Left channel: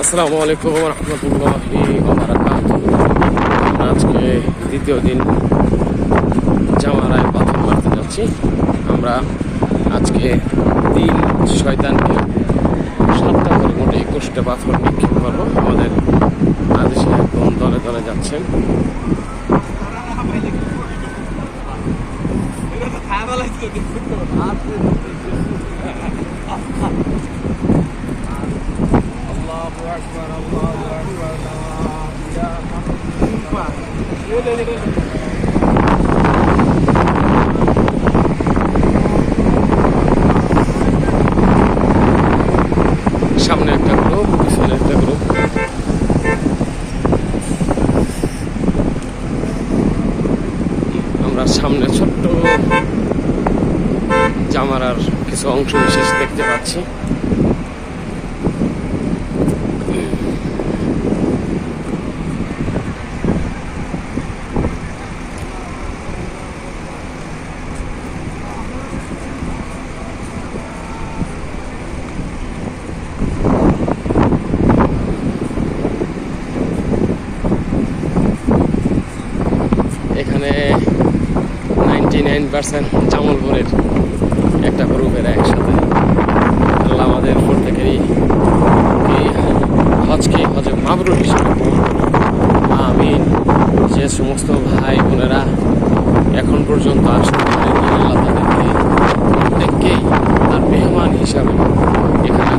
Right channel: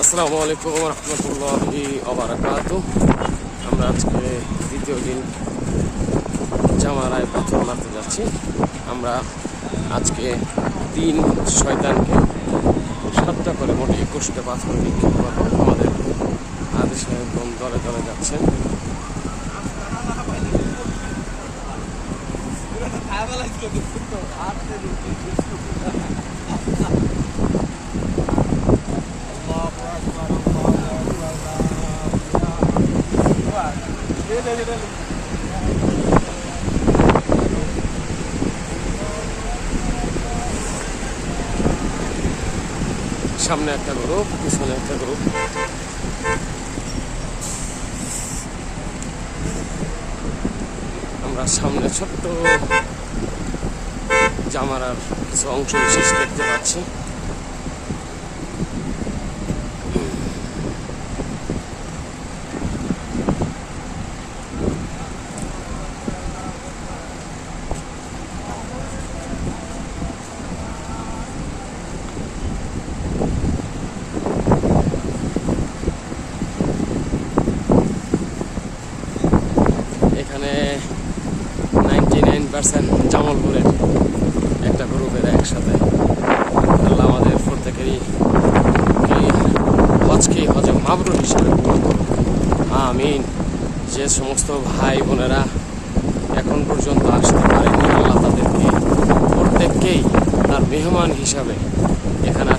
আসসালামু আলাইকুম রহমতুল্লাহি আমরা আজকে দ্বিতীয় দিন জামারায় পাথর মারতে যাচ্ছি। আমরা আজকে তিন শয়তানকে সাতটা করে মোটে একুশটা পাথর নিক্ষেপ করব। আমাদের আদেশে একদম দলে দলে যাচ্ছেন। সামনে একটা গ্রুপ পিছনে একটা গ্রুপ আমরা সামনে ছোট্ট জামারার কিছু অংশ বিশেষ দেখতে পাচ্ছি। এখানে নাইনটি নাইন পার্সেন্ট জামলপুরের একটা গ্রুপের একসাথে। আল্লাহ আমাদের প্রত্যেকেরই কি হজকে হজে মাবরুর হিসেবে আমিন। যে সমস্ত ভাই বোনেরা এখন পর্যন্ত আসতে পারেনি, আল্লাহ তাদেরকে প্রত্যেককেই তার মেহমান হিসাবে এখানে